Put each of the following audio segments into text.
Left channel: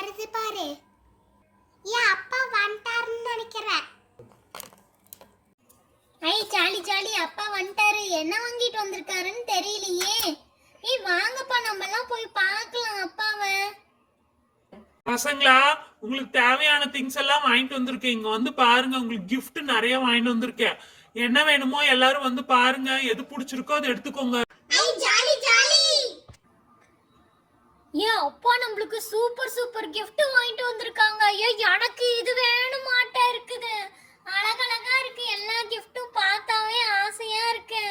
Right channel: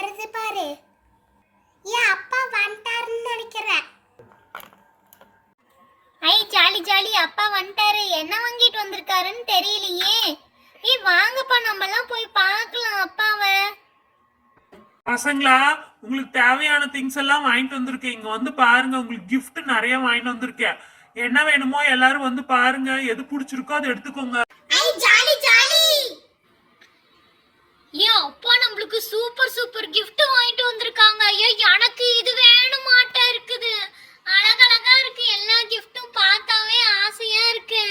வருது பாரு. ஏன் அப்பா வந்துட்டாருன்னு நினைக்கிறேன். ஐ ஜாலி ஜாலி, அப்பா வந்துட்டாரு. என்ன வாங்கிட்டு வந்திருக்காருன்னு தெரியலையே. ஏய் வாங்கப்பா, நம்ம எல்லாம் போய் பார்க்கலாம் அப்பாவை. பசங்களா, உங்களுக்கு தேவையான திங்ஸ் எல்லாம் வாங்கிட்டு வந்திருக்கேன். இங்க வந்து பாருங்க, உங்களுக்கு gift நிறைய வாங்கிட்டு வந்திருக்கேன். என்ன வேணுமோ எல்லாரும் வந்து பாருங்க. எது பிடிச்சிருக்கோ அதை எடுத்துக்கோங்க. ஐ ஜாலி ஜாலி. ஏன் அப்பா நம்மளுக்கு சூப்பர் சூப்பர் gift வாங்கிட்டு வந்திருக்காங்க. ஐயோ எனக்கு இது வேணுமாட்டா இருக்குது. அழகழகா இருக்கு. எல்லா கிஃப்ட்டும் பார்த்தாவே ஆசையா இருக்கு.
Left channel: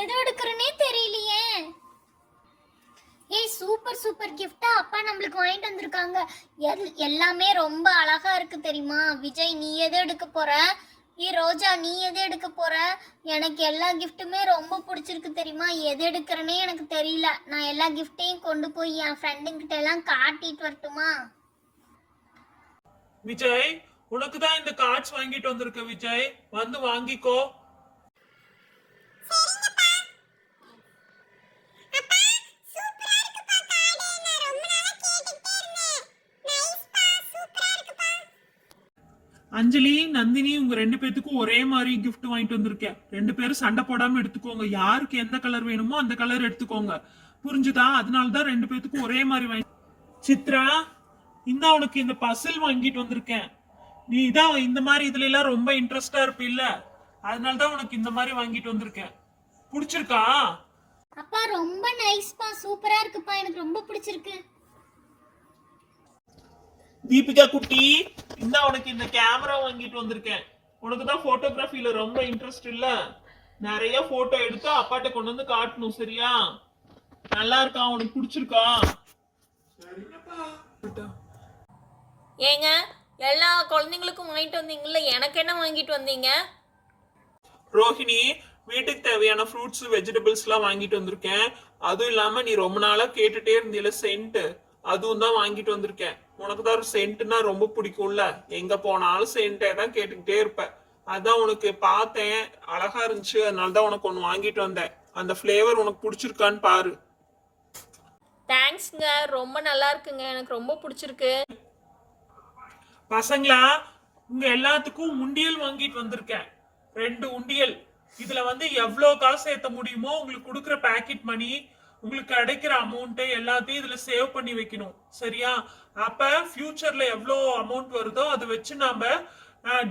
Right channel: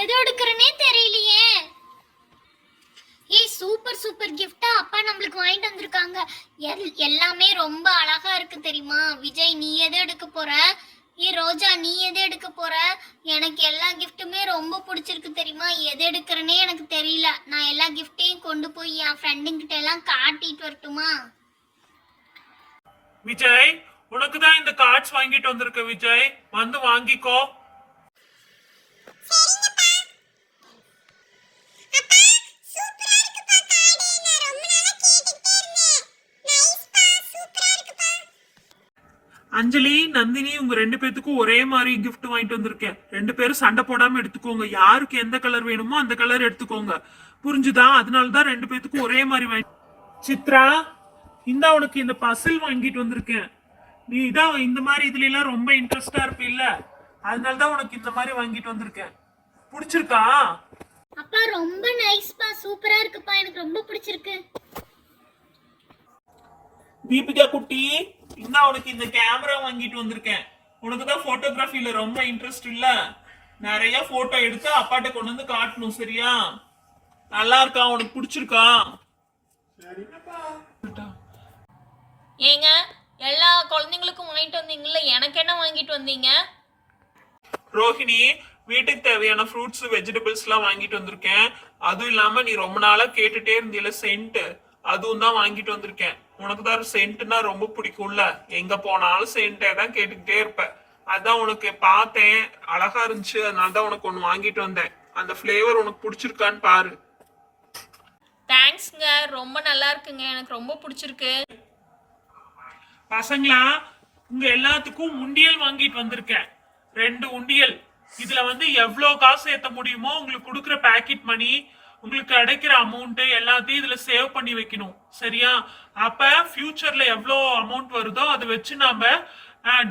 எது எடுக்கிறனே தெரியலையே. ஏய் சூப்பர் சூப்பர் கிஃப்டா அப்பா நம்மளுக்கு வாங்கிட்டு வந்திருக்காங்க. எல்லாமே ரொம்ப அழகா இருக்கு தெரியுமா? விஜய் நீ எதை எடுக்க போற? ரோஜா நீ எது எடுக்க போற? எனக்கு எல்லா கிஃப்ட்டுமே ரொம்ப பிடிச்சிருக்கு தெரியுமா? எது எடுக்கிறனே எனக்கு தெரியல. நான் எல்லா கிஃப்டையும் கொண்டு போய் என் ஃப்ரெண்டுங்கிட்ட எல்லாம் காட்டிட்டு வரட்டுமா? விஜய், உனக்கு தான் இந்த கார்ட்ஸ் வாங்கிட்டு வந்திருக்க. விஜய் வந்து வாங்கிக்கோ. அஞ்சலி, நந்தினி, உங்க ரெண்டு பேத்துக்கும் ஒரே மாதிரி கிஃப்ட் வாங்கிட்டு வந்திருக்கேன். ரெண்டு பேரும் சண்டை போடாம எடுத்துக்கோங்க. யாருக்கு எந்த கலர் வேணுமோ அந்த கலர் எடுத்துக்கோங்க. புரிஞ்சுதா? அதனாலதான் ரெண்டு பேத்துக்கும் ஒரே மாதிரி வாங்கி. சித்ரா, இந்த உனக்கு இந்த பசில் வாங்கிட்டு வந்திருக்கேன். நீ தான் இந்த மாதிரி இதுல எல்லாம் ரொம்ப இன்ட்ரெஸ்டா இருப்பில்ல, அதனாலதான் உனக்கு இந்த மாதிரி வாங்கிட்டு வந்திருக்கேன். பிடிச்சிருக்கா? அப்பா ரொம்ப நைஸ்பா, சூப்பரா இருக்குப்பா, எனக்கு ரொம்ப பிடிச்சிருக்கு. தீபிகா குட்டி, இந்த உனக்கு இந்த கேமரா வாங்கிட்டு வந்திருக்கேன். உனக்கு தான் போட்டோகிராஃபில ரொம்ப இன்ட்ரெஸ்ட் இல்ல, நிறைய போட்டோ எடுத்து அப்பாட்ட கொண்டு வந்து காட்டணும். சரியா? நல்லா இருக்கா? உனக்கு பிடிச்சிருக்கா? ஏங்க, எல்லா குழந்தைங்களுக்கும் வாங்கிட்டு வந்தீங்கல்ல, எனக்கு என்ன வாங்கிட்டு வந்தீங்க? ரோஹிணி, வீட்டுக்கு தேவையான ஃப்ரூட்ஸ் வெஜிடபிள்ஸ் எல்லாம் வாங்கிட்டு வந்திருக்கேன். அதுவும் இல்லாம நீ ரொம்ப நாளா கேட்டுட்டே இருந்தீல சென்ட், அதுவும் தான் வாங்கிட்டு வந்திருக்கேன். உனக்கு தான் சென்ட்னா ரொம்ப பிடிக்கும்ல, எங்க போனாலும் சென்ட்டே தான் கேட்டுக்கிட்டே இருப்ப. அதான் உனக்கு பார்த்தேன், அழகா இருந்துச்சு, அதனால தான் உனக்கு ஒன்று வாங்கிட்டு வந்தேன். அந்த ஃப்ளேவர் உனக்கு பிடிச்சிருக்கான்னு பாரு. தேங்க்ஸ்ங்க, ரொம்ப நல்லா இருக்குங்க, எனக்கு ரொம்ப பிடிச்சிருக்கு. பசங்களா, உங்க எல்லாத்துக்கும் உண்டியல் வாங்கிட்டு வந்திருக்கேன். 2 உண்டியல். இதுல வந்து எவ்வளவு காசு ஏத்த முடியுமோ உங்களுக்கு கொடுக்குற பேக்கெட் மணி, உங்களுக்கு கிடைக்கிற அமௌண்ட் எல்லாத்தையும் இதுல சேவ் பண்ணி வைக்கணும். சரியா? அப்ப ஃபியூச்சர்ல எவ்வளோ அமௌண்ட் வருதோ அதை வச்சு நாம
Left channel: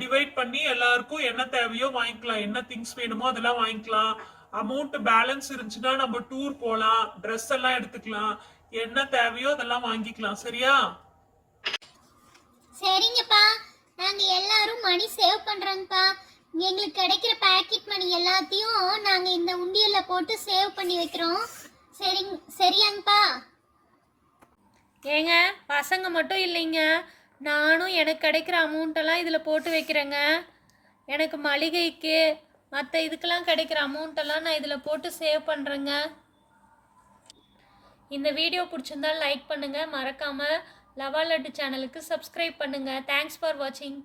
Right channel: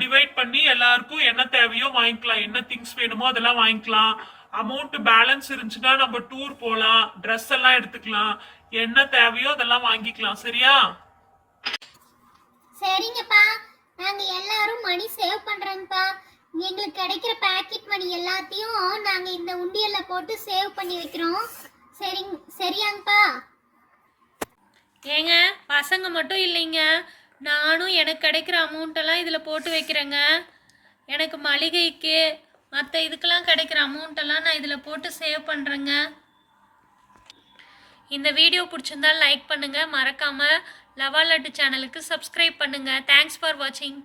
டிவைட் பண்ணி எல்லாருக்கும் என்ன தேவையோ வாங்கிக்கலாம். என்ன திங்ஸ் வேணுமோ அதெல்லாம் வாங்கிக்கலாம். அமௌண்ட் பேலன்ஸ் இருந்துச்சுன்னா நம்ம டூர் போகலாம், ட்ரெஸ் எல்லாம் எடுத்துக்கலாம். என்ன தேவையோ அதெல்லாம் வாங்கிக்கலாம். சரியா? சரிங்கப்பா, நாங்க எல்லாரும் மணி சேவ் பண்றோம்ப்பா. எங்களுக்கு கிடைக்கிற பேக்கெட் மணி எல்லாத்தையும் நாங்க இந்த உண்டியல்ல போட்டு சேவ் பண்ணி வைக்கிறோம். சரியாங்கப்பா? ஏங்க, பசங்க மட்டும் இல்லைங்க, நானும் எனக்கு கிடைக்கிற அமௌண்ட்டெல்லாம் இதில் போட்டு வைக்கிறேங்க. எனக்கு மளிகைக்கு மற்ற இதுக்கெல்லாம் கிடைக்கிற அமௌண்ட்டெல்லாம் நான் இதில் போட்டு சேவ் பண்ணுறேங்க. இந்த வீடியோ பிடிச்சிருந்தால் லைக் பண்ணுங்கள், மறக்காமல் லவா லட்டு சேனலுக்கு சப்ஸ்கிரைப் பண்ணுங்கள். தேங்க்ஸ் ஃபார் வாட்சிங்.